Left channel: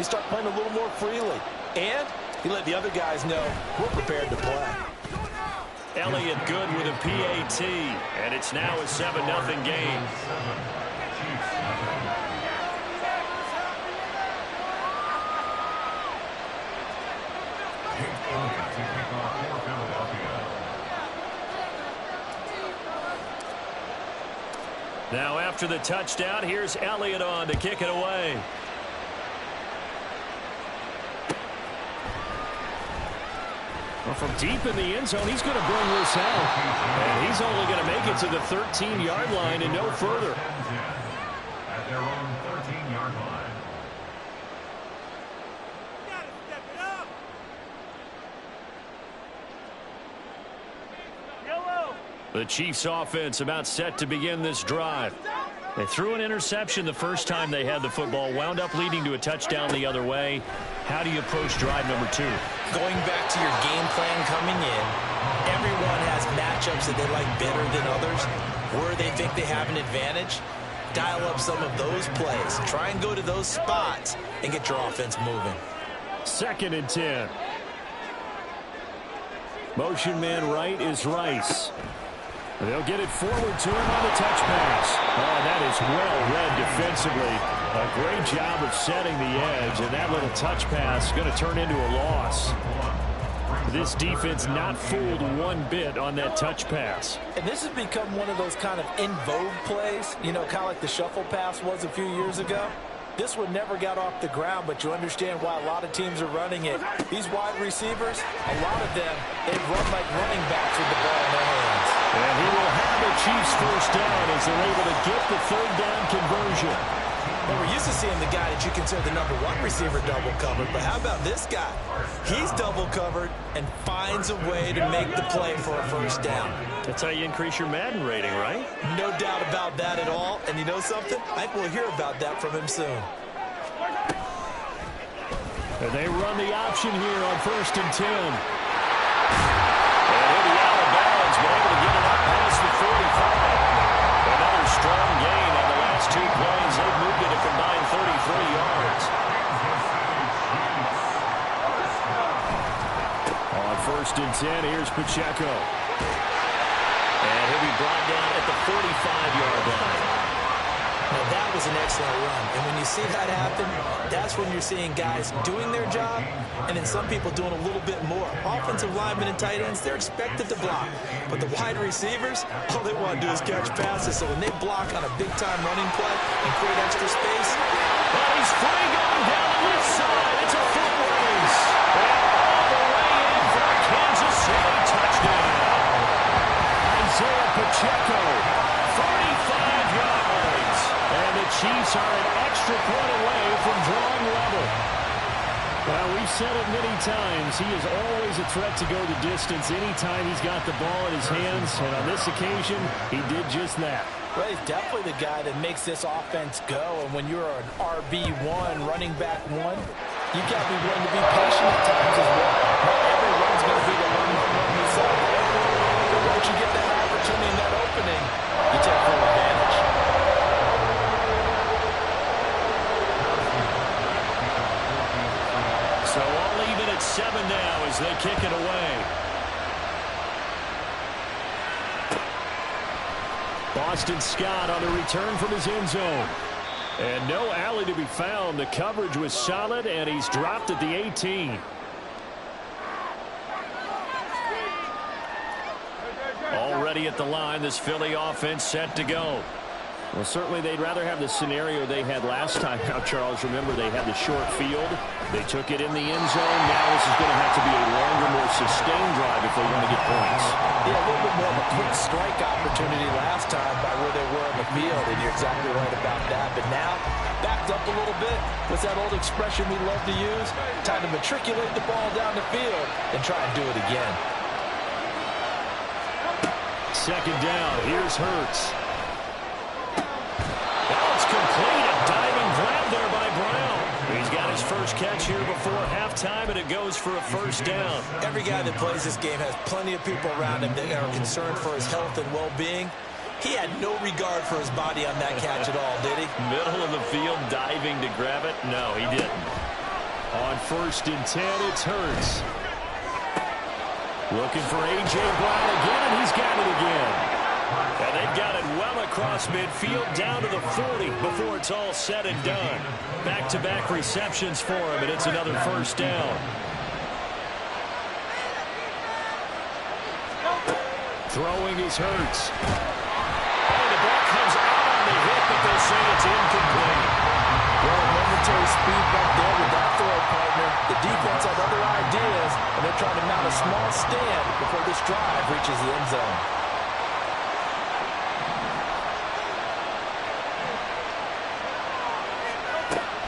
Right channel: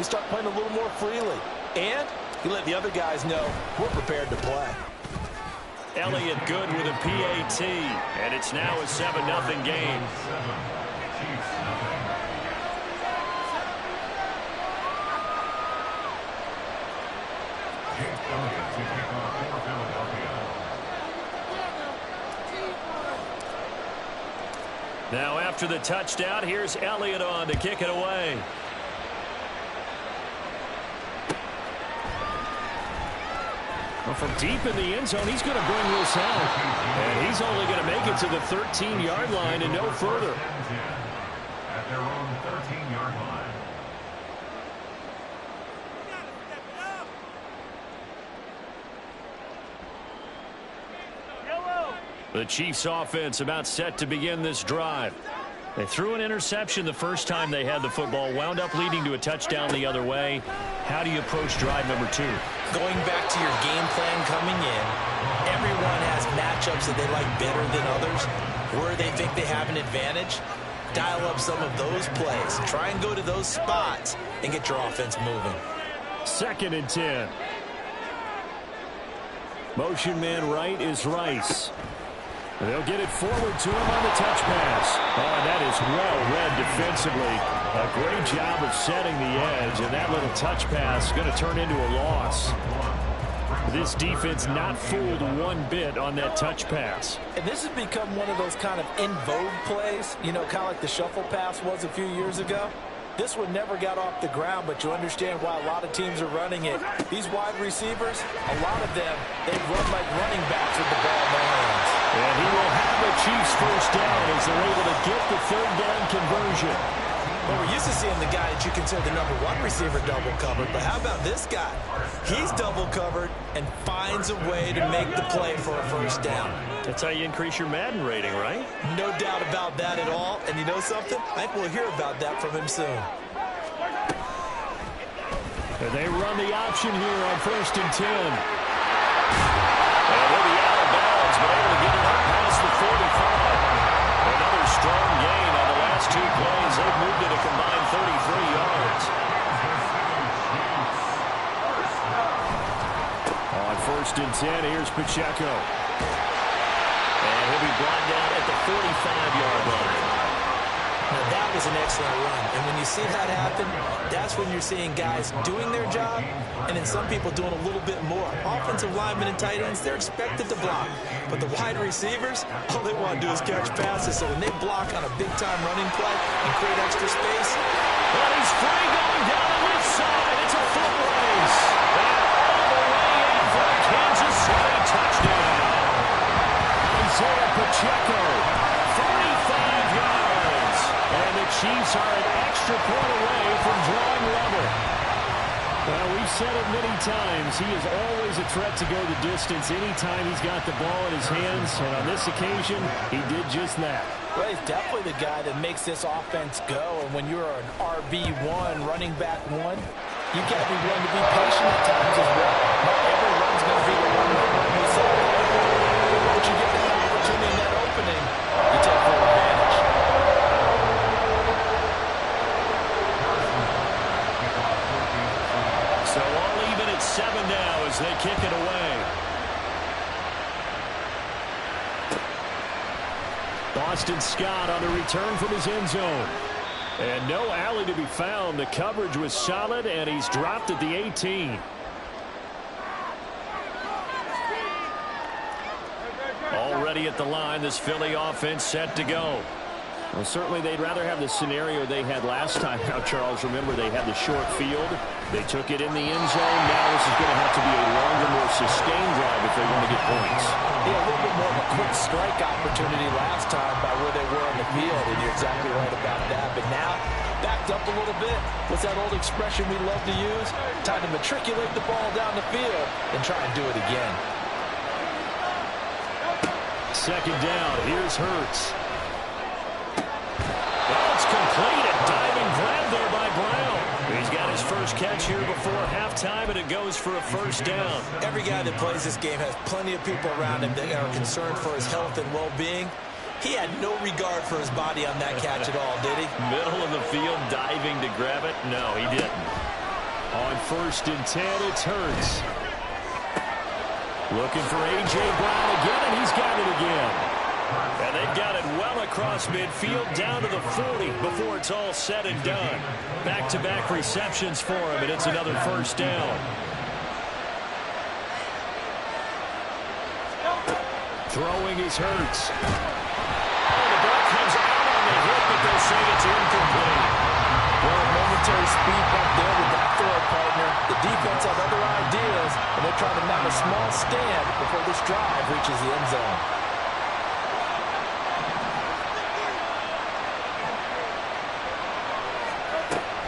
you start playing a little more freely. And you let the other guys know we're prepared to play. Elliott good with a PAT, and it's now a 7-0 game. Now after the touchdown, here's Elliott on to kick it away. Well, from deep in the end zone, he's going to bring this out. And he's only going to make it to the 13-yard line and no further. At their own 13-yard line. The Chiefs offense about set to begin this drive. They threw an interception the first time they had the football, wound up leading to a touchdown the other way. How do you approach drive number 2? Going back to your game plan coming in, everyone has matchups that they like better than others. Where they think they have an advantage, dial up some of those plays. Try and go to those spots and get your offense moving. 2nd and 10. Motion man right is Rice. They'll get it forward to him on the touch pass. Oh, and that is well read defensively. A great job of setting the edge, and that little touch pass is going to turn into a loss. This defense not fooled one bit on that touch pass. And this has become one of those kind of in vogue plays, you know, kind of like the shuffle pass was a few years ago. This one never got off the ground, but you understand why a lot of teams are running it. These wide receivers, a lot of them, they've run like running backs with the ball in their hands. And he will have the Chiefs first down as they're able to get the 3rd down conversion. Well, we're used to seeing the guy that you consider the #1 receiver double covered, but how about this guy? He's double covered and finds a way to make the play for a first down. That's how you increase your Madden rating, right? No doubt about that at all. And you know something? I think we'll hear about that from him soon. And they run the option here on 1st and 10. And he'll be out of bounds, but able to get it up past the 45. Another strong gain on the last 2 plays. They've moved it a combined 33 yards. On 1st and 10, here's Pacheco. And he'll be brought down at the 45-yard line. Now, that was an excellent run. And when you see that happen, that's when you're seeing guys doing their job and then some people doing a little bit more. Offensive linemen and tight ends, they're expected to block. But the wide receivers, all they want to do is catch passes. So when they block on a big-time running play and create extra space. But he's free going down the left side. It's a foot race. And all the way in for a Kansas City touchdown. Isaiah Pacheco, 45 yards. And the Chiefs are an extra point away from drawing level. Well, we've said it many times. He is always a threat to go the distance anytime he's got the ball in his hands. And on this occasion, he did just that. Well, he's definitely the guy that makes this offense go. And when you're an RB1, running back 1, you got to be willing to be patient at times as well. Not every run's going to be the one you saw there. But once you get that opportunity and that opening, you take full advantage. So all even at 7 now as they kick it away. Boston Scott on the return from his end zone. And no alley to be found. The coverage was solid, and he's dropped at the 18. Already at the line, this Philly offense set to go. Well, certainly they'd rather have the scenario they had last time out, Charles. Remember, they had the short field. They took it in the end zone. Now this is going to have to be a longer, more sustained drive if they want to get points. Yeah, a little bit more of a quick strike opportunity last time by where they were on the field, and you're exactly right about that. But now, backed up a little bit. What's that old expression we love to use? Time to matriculate the ball down the field and try and do it again. 2nd down. Here's Hurts. Oh, it's complete. A diving grab there by Brown. He's got his first catch here before halftime, and it goes for a first down. Every guy that plays this game has plenty of people around him that are concerned for his health and well-being. He had no regard for his body on that catch at all, did he? Middle of the field, diving to grab it? No, he didn't. 1st and 10. It's Hurts. Looking for A.J. Brown again, and he's got it again. And they've got it well across midfield down to the 40 before it's all said and done. Back-to-back receptions for him, and it's another 1st down. Throwing is Hurts. Oh, the ball comes out on the hit, but they'll say it's incomplete. Well, a momentary speed bump there with that throw, partner. The defense had other ideas, and they're trying to mount a small stand before this drive reaches the end zone.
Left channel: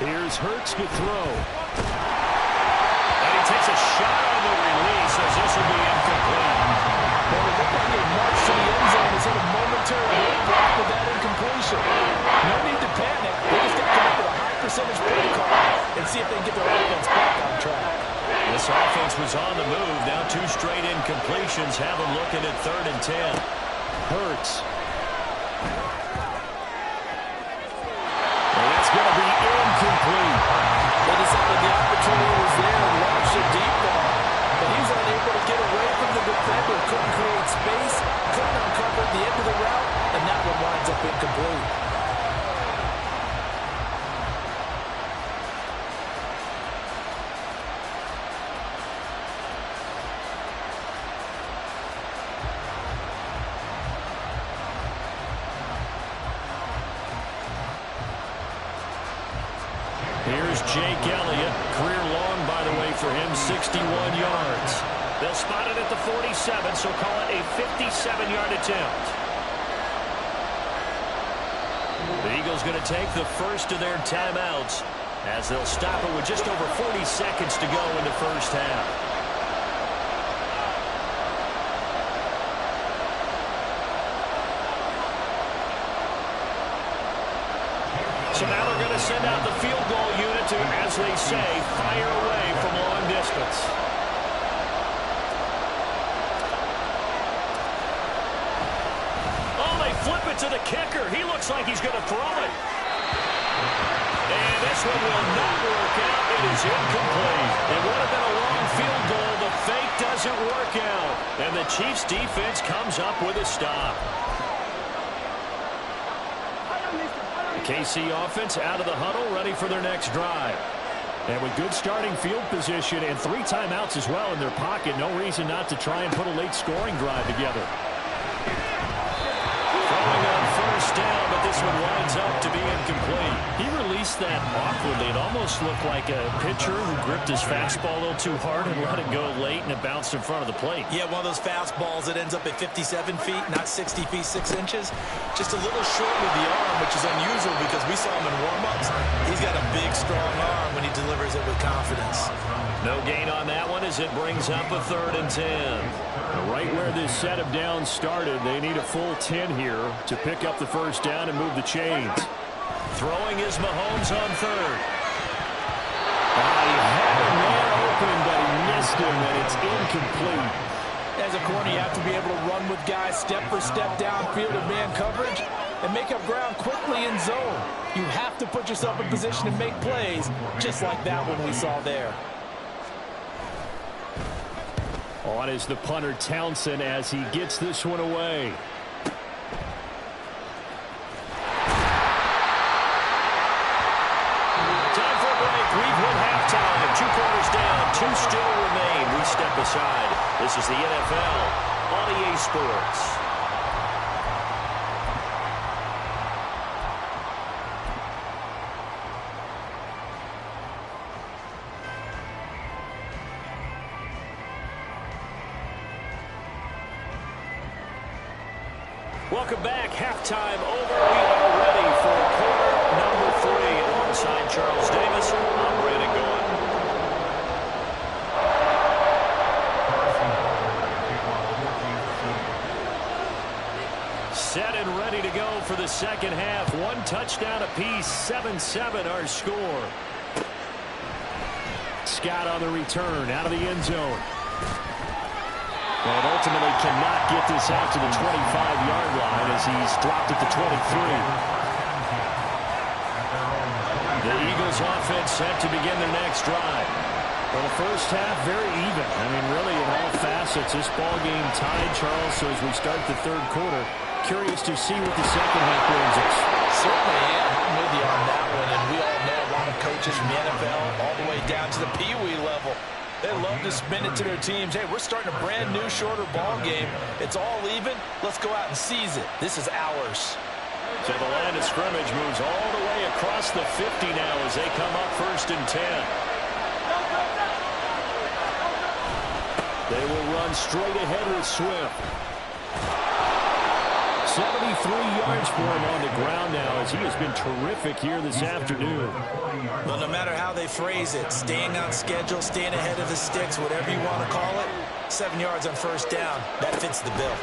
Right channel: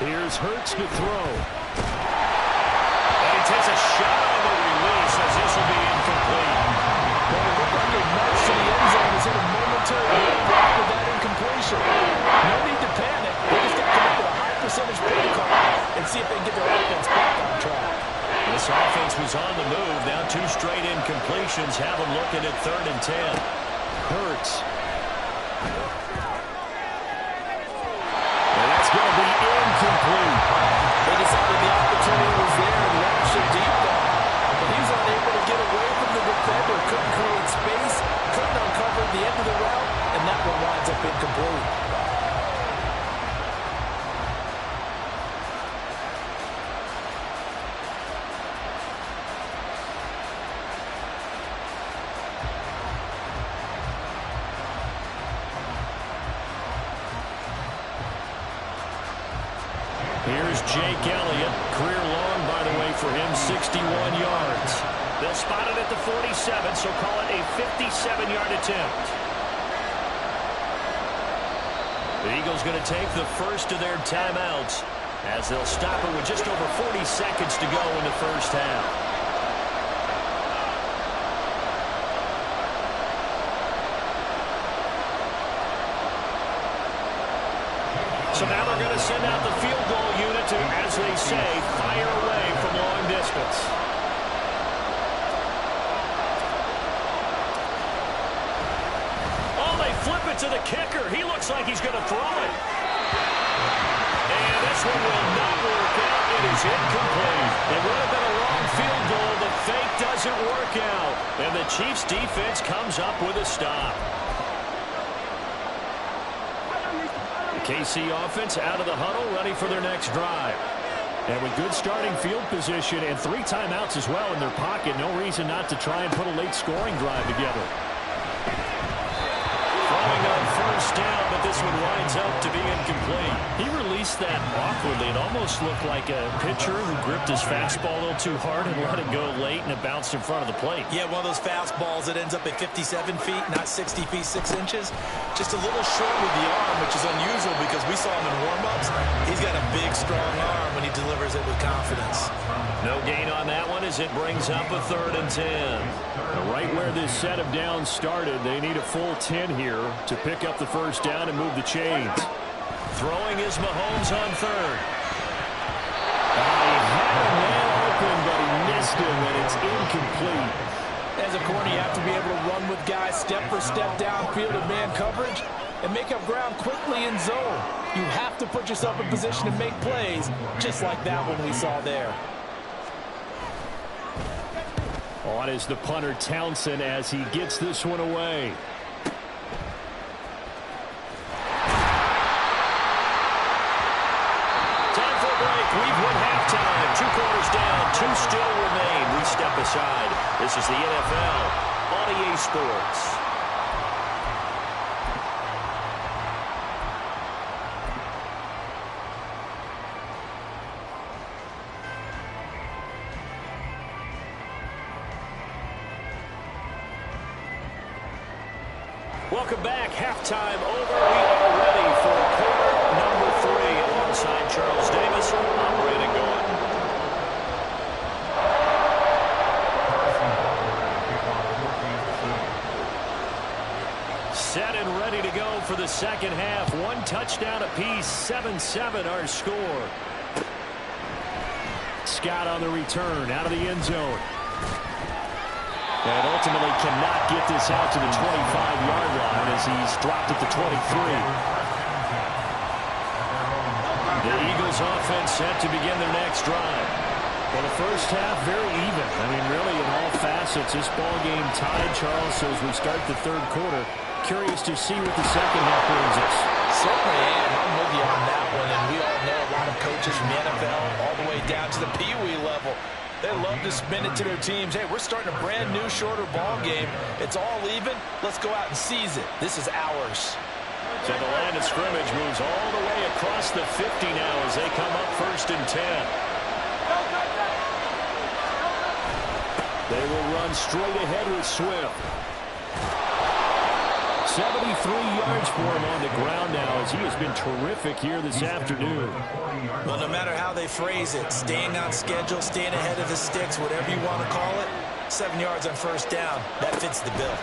Here's Hurts to throw. And he takes a shot on the release as this will be incomplete. Well, it looked like they marched to the end zone and hit a momentary roadblock with that incompletion. No need to panic. They just got to come up with a high percentage play call and see if they can get their offense back on track. This offense was on the move. Now 2 straight incompletions have them looking at 3rd and 10. Hurts. And that's going to be incomplete. They decided the opportunity was there and launched a deep ball. But he was unable to get away from the defender. Couldn't create space. Couldn't uncover the end of the route. And that one winds up incomplete. Here's Jake Elliott. Career long, by the way, for him, 61 yards. They'll spot it at the 47, so call it a 57-yard attempt. The Eagles going to take the first of their timeouts as they'll stop it with just over 40 seconds to go in the 1st half. So now they're going to send out the field goal unit to, as they say, fire away from long distance. Oh, they flip it to the kicker. He looks like he's going to throw it. And this one will not work out. It is incomplete. It would have been a long field goal. The fake doesn't work out. And the Chiefs defense comes up with a stop. The KC offense out of the huddle, ready for their next drive. And with good starting field position and 3 timeouts as well in their pocket, no reason not to try and put a late scoring drive together. Throwing on 1st down, but this one winds up to be incomplete. He released that awkwardly. It almost looked like a pitcher who gripped his fastball a little too hard and let it go late, and it bounced in front of the plate. Yeah, one of those fastballs that ends up at 57 feet, not 60 feet, 6 inches. Just a little short with the arm, which is unusual because we saw him in warm-ups. He's got a big, strong arm when he delivers it with confidence. No gain on that one as it brings up a 3rd and 10. Right where this set of downs started, they need a full 10 here to pick up the 1st down and move the chains. Throwing is Mahomes on 3rd. He had a man open, but he missed him, and it's incomplete. As a corner, you have to be able to run with guys step for step downfield in man coverage and make up ground quickly in zone. You have to put yourself in position to make plays, just like that one we saw there. On is the punter Townsend as he gets this one away. Time for a break. We've hit halftime. 2 quarters down. 2 still remain. We step aside. This is the NFL on EA Sports. Welcome back. Halftime over. We are ready for quarter number 3 alongside Charles Davis. I'm Brandon Gaudin. Set and ready to go for the 2nd half. 1 touchdown apiece. 7-7 our score. Scott on the return out of the end zone. And ultimately cannot get this out to the 25-yard line as he's dropped at the 23. The Eagles offense set to begin their next drive. Well, the first half, very even. I mean, really, in all facets, this ball game tied, Charles. So as we start the third quarter, curious to see what the second half brings us. Certainly am. I'm with you on that one. And we all know a lot of coaches from the NFL all the way down to the Pee Wee level. They love to spin it to their teams. Hey, we're starting a brand new, shorter ball game. It's all even. Let's go out and seize it. This is ours. So the line of scrimmage moves all the way across the 50 now as they come up 1st and 10. They will run straight ahead with Swift. 73 yards for him on the ground now as he has been terrific here this afternoon. Well, no matter how they phrase it, staying on schedule, staying ahead of the sticks, whatever you want to call it, 7 yards on 1st down, that fits the bill.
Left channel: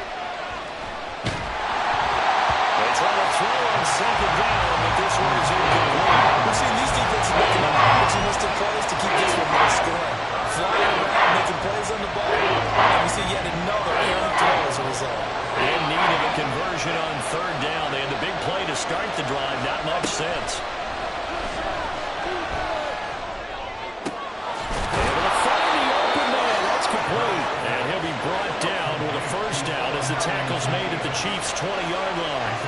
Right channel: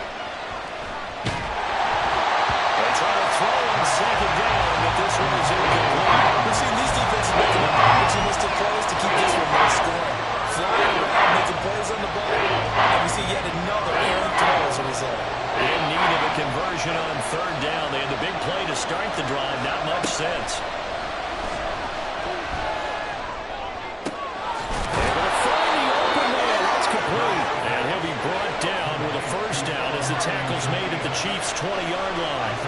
They try to throw on 2nd down, but this one is incomplete. We've seen these defenses making opportunistic plays to keep this one low scoring. Flying around, making plays on the ball, and we see yet another errant throw as a result. In need of a conversion on 3rd down. They had the big play to start the drive, not much sense. Able to find the open man. That's complete. And he'll be brought down with a 1st down as the tackle's made at the Chiefs' 20-yard line.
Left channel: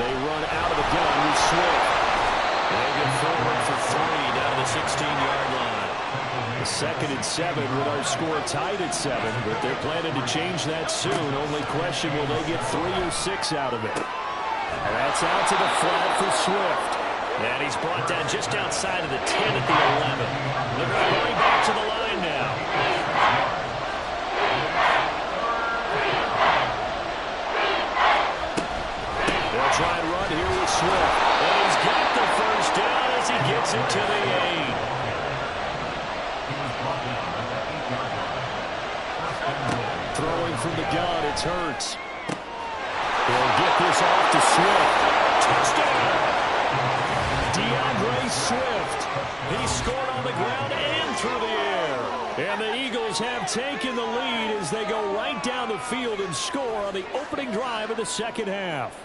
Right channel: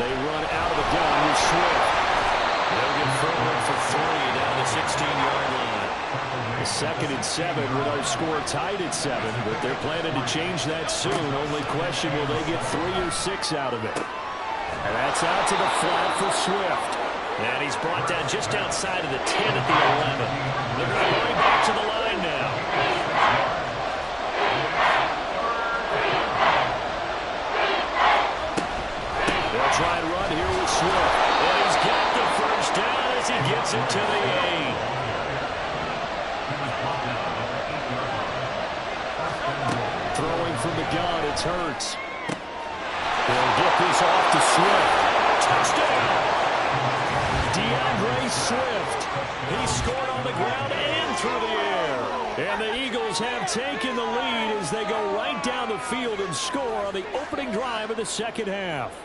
They run out of the gun with Swift. They'll get forward for 3 down to the 16-yard line. A 2nd and 7 with our score tied at 7, but they're planning to change that soon. Only question, will they get 3 or 6 out of it? And that's out to the flat for Swift. And he's brought down just outside of the 10 at the 11. They're going to hurry back to the line now. They'll try and run here with Swift. And he's got the 1st down as he gets it to the 8. Throwing from the gun, it's Hurts. They'll get this off to Swift. Touchdown! DeAndre Swift. He scored on the ground and through the air. And the Eagles have taken the lead as they go right down the field and score on the opening drive of the second half.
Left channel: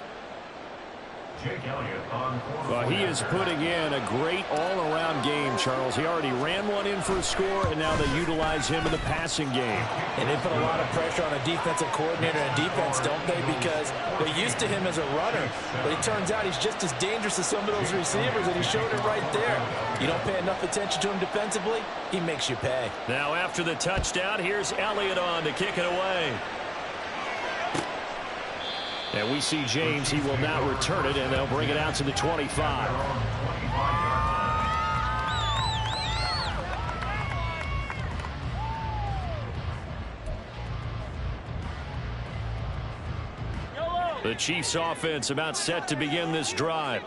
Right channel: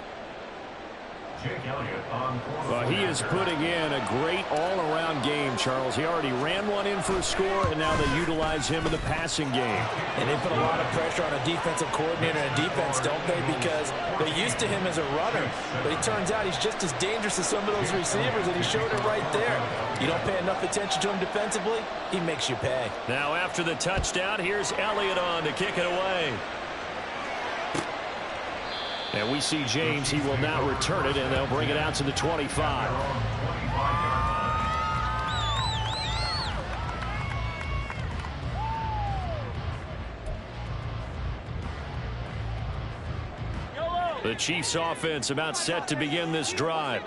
Well, he is putting in a great all-around game, Charles. He already ran one in for a score, and now they utilize him in the passing game. And they put a lot of pressure on a defensive coordinator and defense, don't they? Because they're used to him as a runner. But it turns out he's just as dangerous as some of those receivers, and he showed it right there. You don't pay enough attention to him defensively, he makes you pay. Now after the touchdown, here's Elliott on to kick it away. And we see James. He will now return it, and they'll bring it out to the 25. The Chiefs offense about set to begin this drive.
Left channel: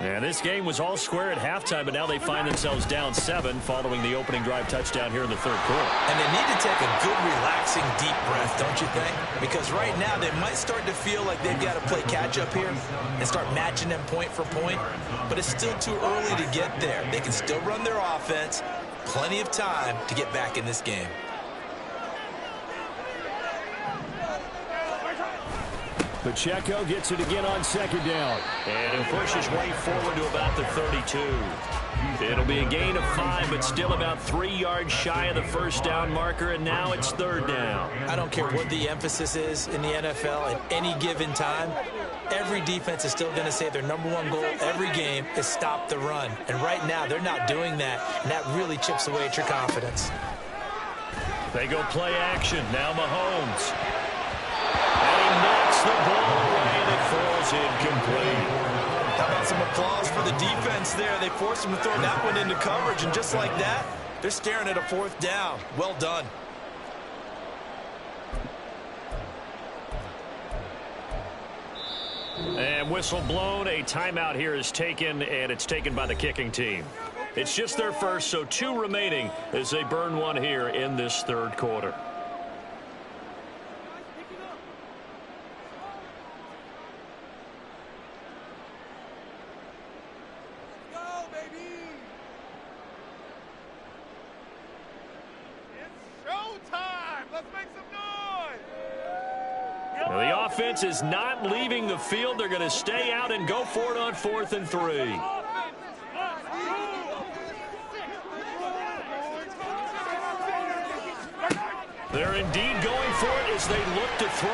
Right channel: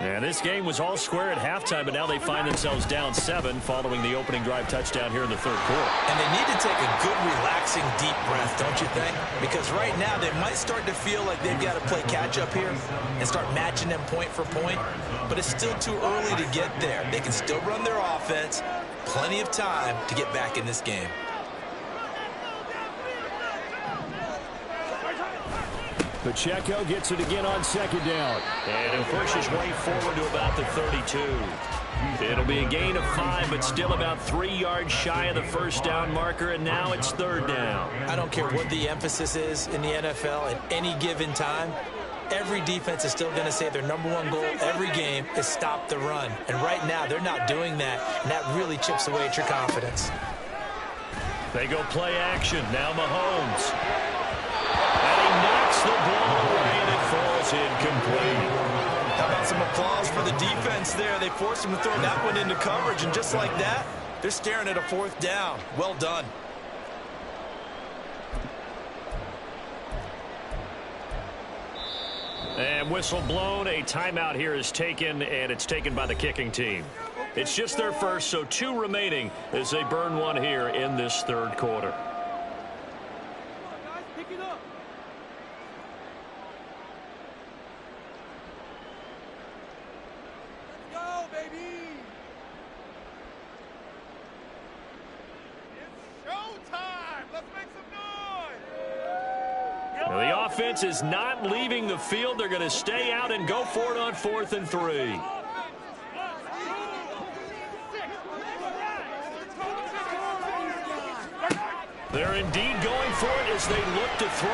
And this game was all square at halftime, but now they find themselves down 7 following the opening drive touchdown here in the third quarter. And they need to take a good, relaxing, deep breath, don't you think? Because right now they might start to feel like they've got to play catch-up here and start matching them point for point. But it's still too early to get there. They can still run their offense. Plenty of time to get back in this game. Pacheco gets it again on 2nd down. And he'll push his way forward to about the 32. It'll be a gain of 5, but still about 3 yards shy of the 1st down marker, and now it's 3rd down. I don't care what the emphasis is in the NFL at any given time. Every defense is still going to say their #1 goal every game is stop the run. And right now, they're not doing that, and that really chips away at your confidence. They go play action. Now Mahomes. And he knocks the ball away, and it falls incomplete. How about some applause for the defense there? They forced him to throw that one into coverage, and just like that, they're staring at a 4th down. Well done. And whistle blown. A timeout here is taken, and it's taken by the kicking team. It's just their first, so 2 remaining as they burn one here in this third quarter. Now, the offense is not leaving the field. They're going to stay out and go for it on 4th and 3. They're indeed going for it as they look to throw.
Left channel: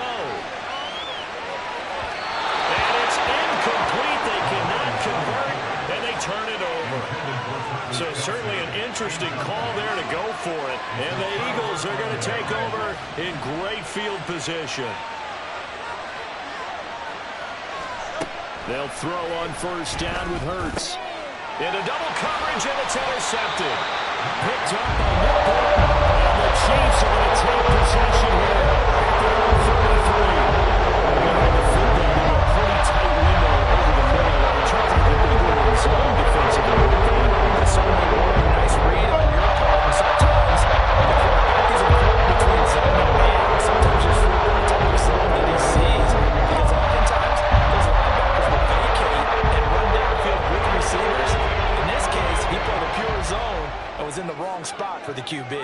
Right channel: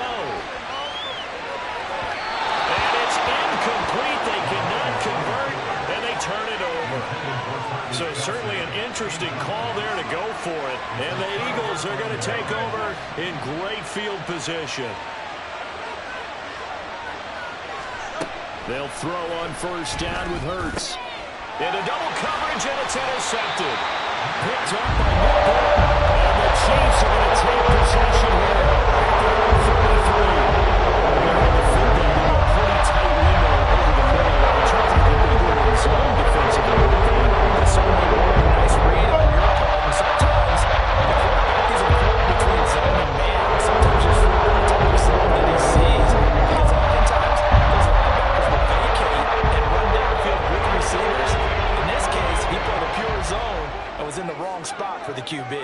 And it's incomplete. They cannot convert, and they turn it over. So certainly an interesting call there to go for it. And the Eagles are going to take over in great field position. They'll throw on 1st down with Hurts. Into double coverage, and it's intercepted. Picked up by Nick. And the Chiefs are going to take possession here at their own 33. They're going to have the football in a pretty tight window over the middle. In terms of the bigger zone defensively. That's certainly a nice read on your part. And sometimes the quarterback is important between zone and man. Sometimes you're flipping the type of zone that he sees. Because oftentimes those linebackers will vacate and run downfield with receivers. In this case, he played a pure zone and was in the wrong spot for the QB.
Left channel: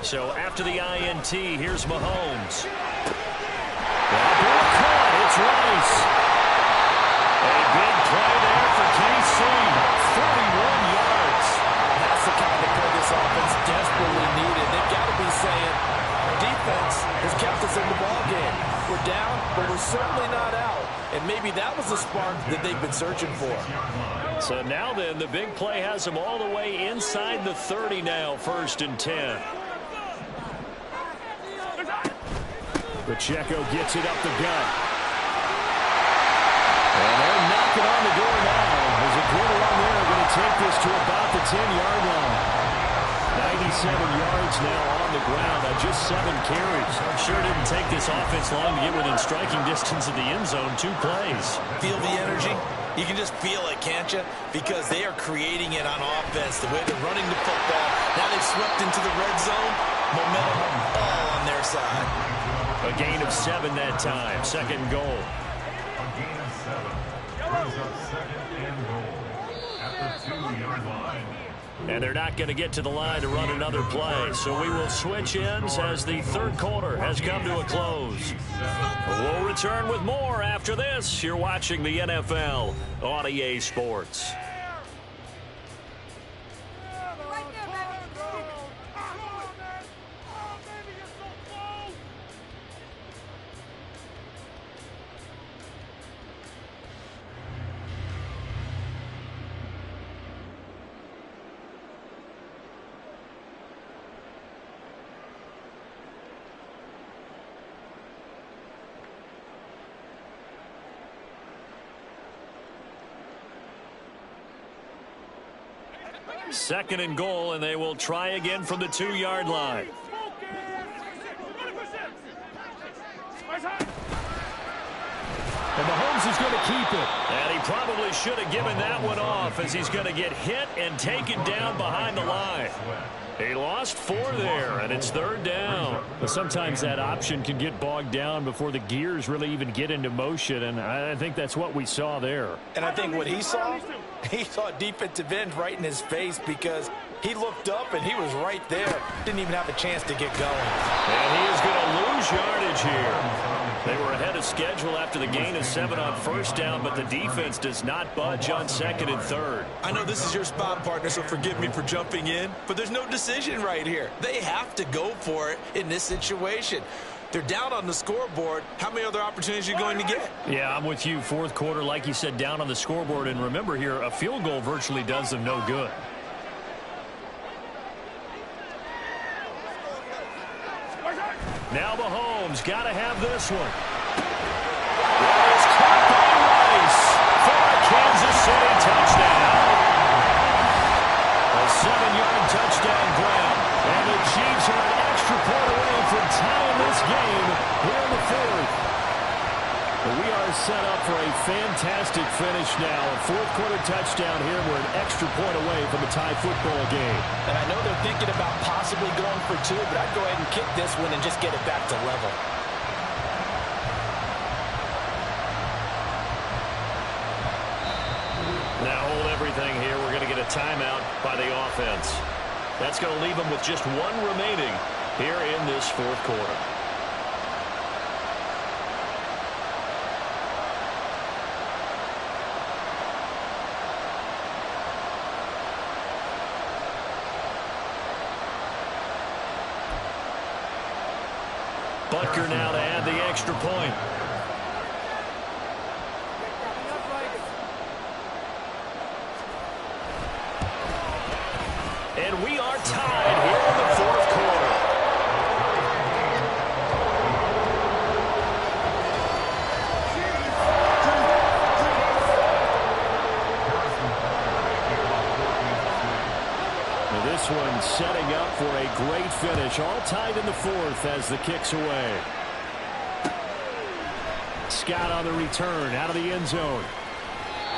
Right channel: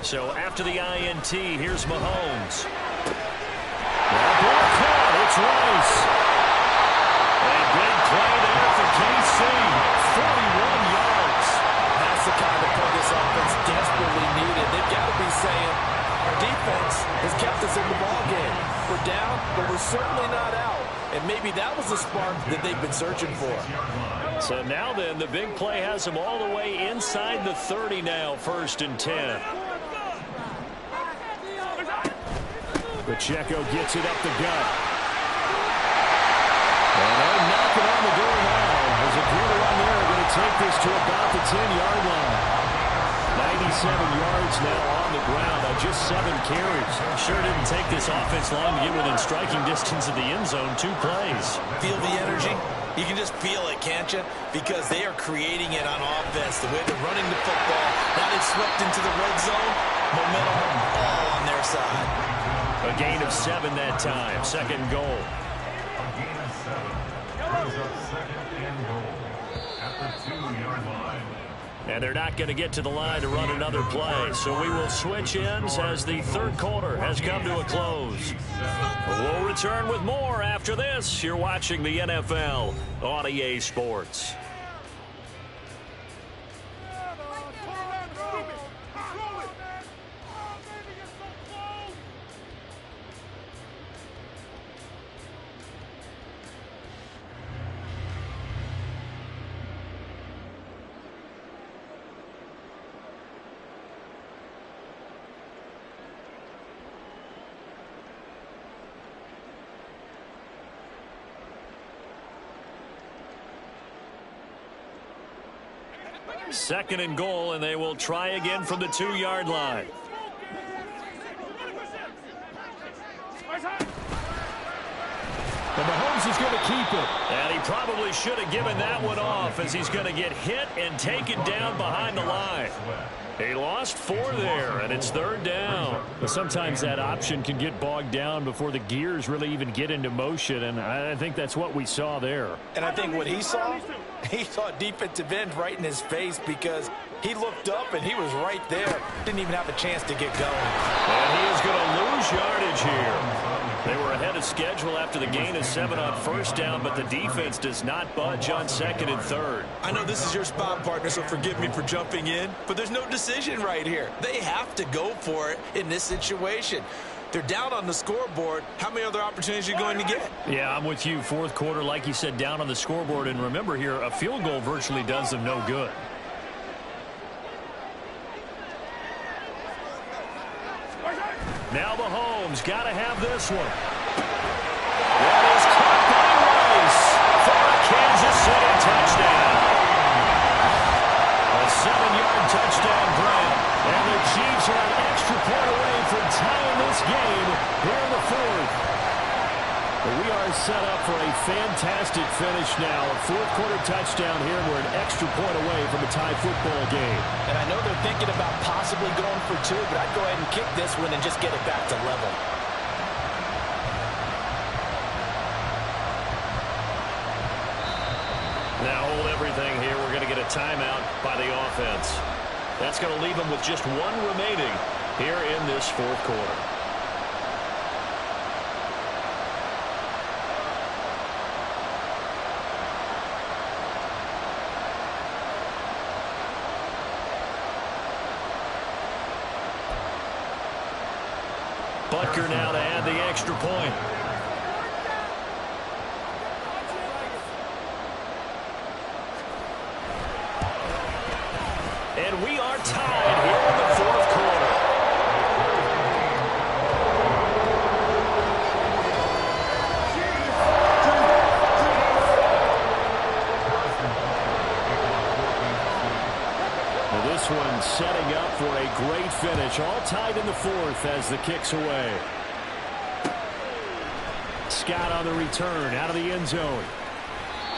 So after the INT, here's Mahomes. That ball caught. It's Rice. A big play there for KC. 41 yards. That's the kind of play this offense desperately needed. They've got to be saying, our defense has kept us in the ballgame. We're down, but we're certainly not out. And maybe that was the spark that they've been searching for. So now then, the big play has them all the way inside the 30 now, 1st and 10. Pacheco gets it up the gut. And they're knocking on the door now as a good run there. Going to take this to about the 10-yard line. 97 yards now on the ground on just 7 carries. Sure didn't take this offense long to get within striking distance of the end zone. 2 plays. Feel the energy? You can just feel it, can't you? Because they are creating it on offense. The way they're running the football. Now they've swept into the red zone. Momentum all on their side. A gain of 7 that time. 2nd goal. A gain of 7. Brings up 2nd and goal at the 2-yard line. And they're not going to get to the line to run another play. So we will switch ends as the 3rd quarter has come to a close. We'll return with more after this. You're watching the NFL on EA Sports. Second and goal, and they will try again from the 2-yard line. And Mahomes is going to keep it. And he probably should have given that one off as he's going to get hit and taken down behind the line. He lost 4 there, and it's 3rd down. But sometimes that option can get bogged down before the gears really even get into motion, and I think that's what we saw there. And I think what he saw defensive end right in his face because he looked up and he was right there. Didn't even have a chance to get going. And he is going to lose yardage here. They were ahead of schedule after the gain of 7 on 1st down, but the defense does not budge on 2nd and 3rd. I know this is your spot, partner, so forgive me for jumping in, but there's no decision right here. They have to go for it in this situation. They're down on the scoreboard. How many other opportunities are you going to get? Yeah, I'm with you. 4th quarter, like you said, down on the scoreboard. And remember here, a field goal virtually does them no good. Now Mahomes got to have this one. That is caught by Rice for a Kansas City touchdown. A 7-yard touchdown grab. And the Chiefs are an extra point away from tying this game here in the 4th. But we are set up for a fantastic finish now. A 4th quarter touchdown here. We're an extra point away from a tie football game. And I know they're thinking about possibly going for 2, but I'd go ahead and kick this one and just get it back to level. Now hold everything here. We're going to get a timeout by the offense. That's going to leave them with just 1 remaining here in this 4th quarter. Butker now to add the extra point. And we are tied here in the fourth quarter. Now this one setting up for a great finish. All tied in the fourth as the kick's away. Scott on the return out of the end zone.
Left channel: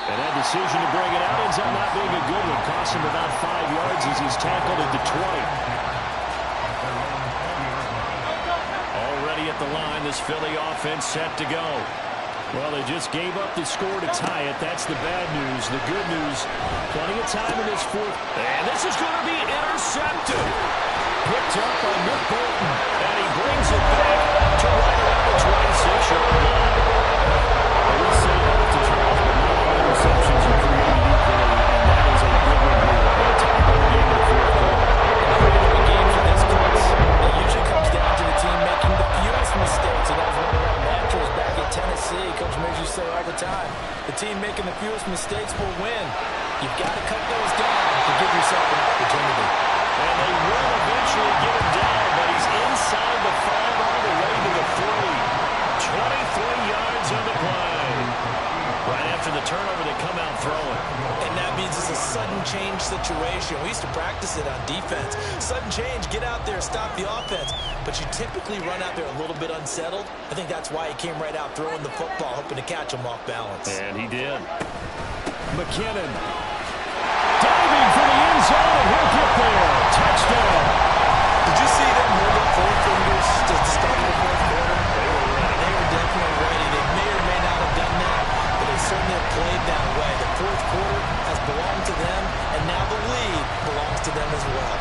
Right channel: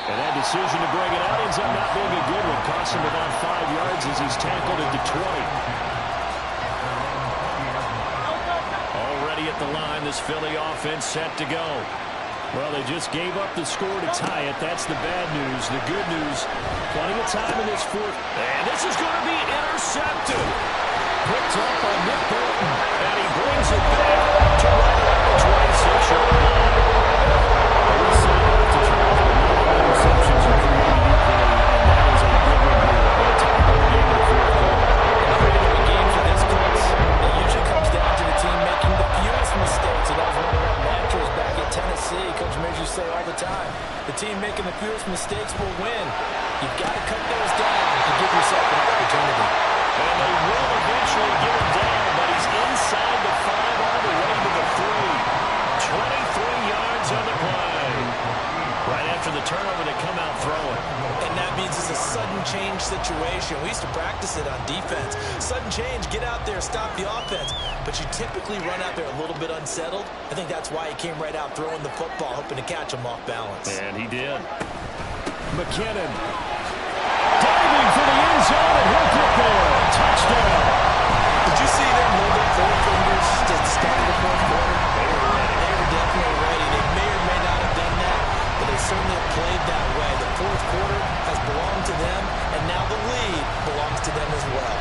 And that decision to bring it out ends up not being a good one. Cost him about 5 yards as he's tackled at the 20. Already at the line, this Philly offense set to go. Well, they just gave up the score to tie it. That's the bad news. The good news, plenty of time in this fourth. And this is going to be intercepted. Picked up by Nick Bolton. And he brings it back to right around the 26-yard line. We say that to Charles, but not all interceptions are created equally, and that is a big one here. A tie-ball game in the fourth quarter. Creating a game for this close, it usually comes down to the team making the fewest mistakes. And that was one of our mantras back at Tennessee. Coach Mears used to say all the time, the team making the fewest mistakes will win. You've got to cut those down to give yourself an opportunity. And they will eventually get him down, but he's inside the 5 all the way to the 3. 23 yards on the play. Right after the turnover, they come out throwing. And that means it's a sudden change situation. We used to practice it on defense. Sudden change, get out there, stop the offense. But you typically run out there a little bit unsettled. I think that's why he came right out throwing the football, hoping to catch him off balance. And he did. McKinnon diving for the end zone, and he'll get there. Touchdown. Did you see them holding 4 fingers to the start of the fourth quarter? They were ready. They were definitely ready. They may or may not have done that, but they certainly have played that way. The fourth quarter has belonged to them, and now the lead belongs to them as well.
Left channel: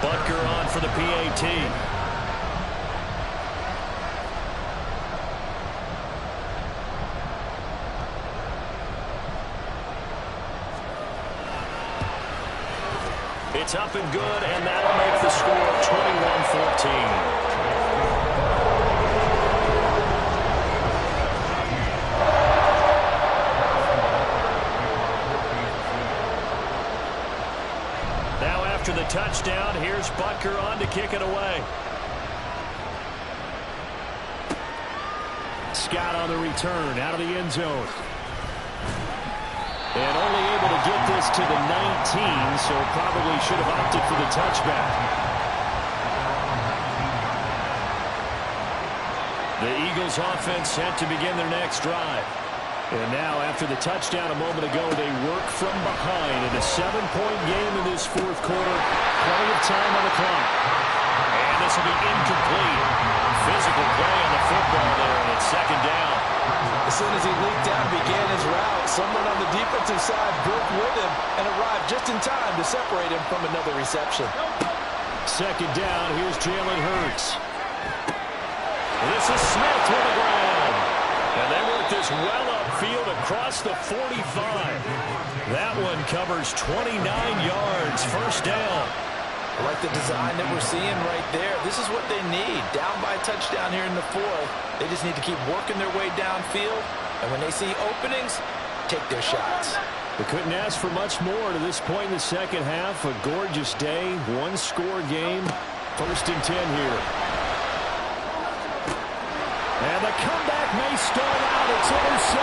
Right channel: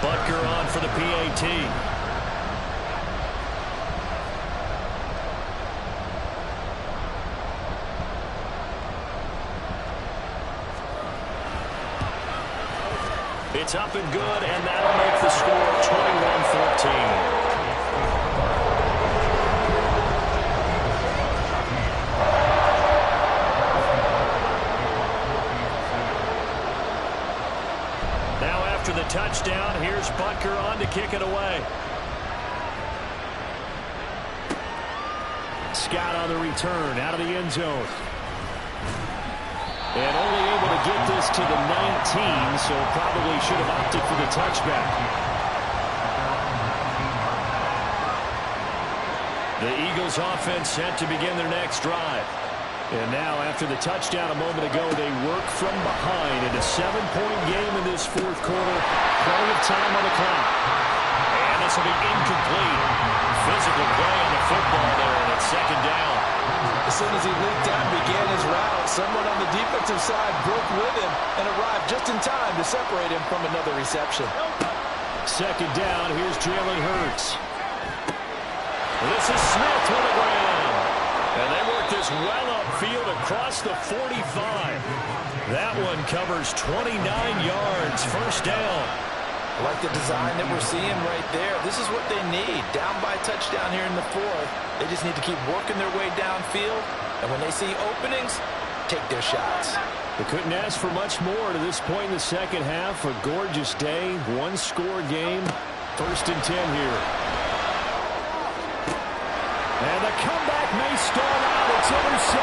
Butker on for the PAT. It's up and good, and that'll make the score 21-14. Now after the touchdown, here's Butker on to kick it away. Scott on the return out of the end zone. And only able to get this to the 19, so probably should have opted for the touchback. The Eagles offense set to begin their next drive. And now after the touchdown a moment ago, they work from behind in a 7-point game in this fourth quarter. Plenty of time on the clock. And this will be incomplete. Physical play on the football there, and it's second down. As soon as he leaked out and began his route, someone on the defensive side broke with him and arrived just in time to separate him from another reception. Second down, here's Jalen Hurts. This is Smith with the ground. And they work this well upfield across the 45. That one covers 29 yards. First down. I like the design that we're seeing right there. This is what they need. Down by a touchdown here in the fourth. They just need to keep working their way downfield. And when they see openings, take their shots. They couldn't ask for much more to this point in the second half. A gorgeous day, one-score game. First and 10 here. And the comeback may stall out. It's intercepted.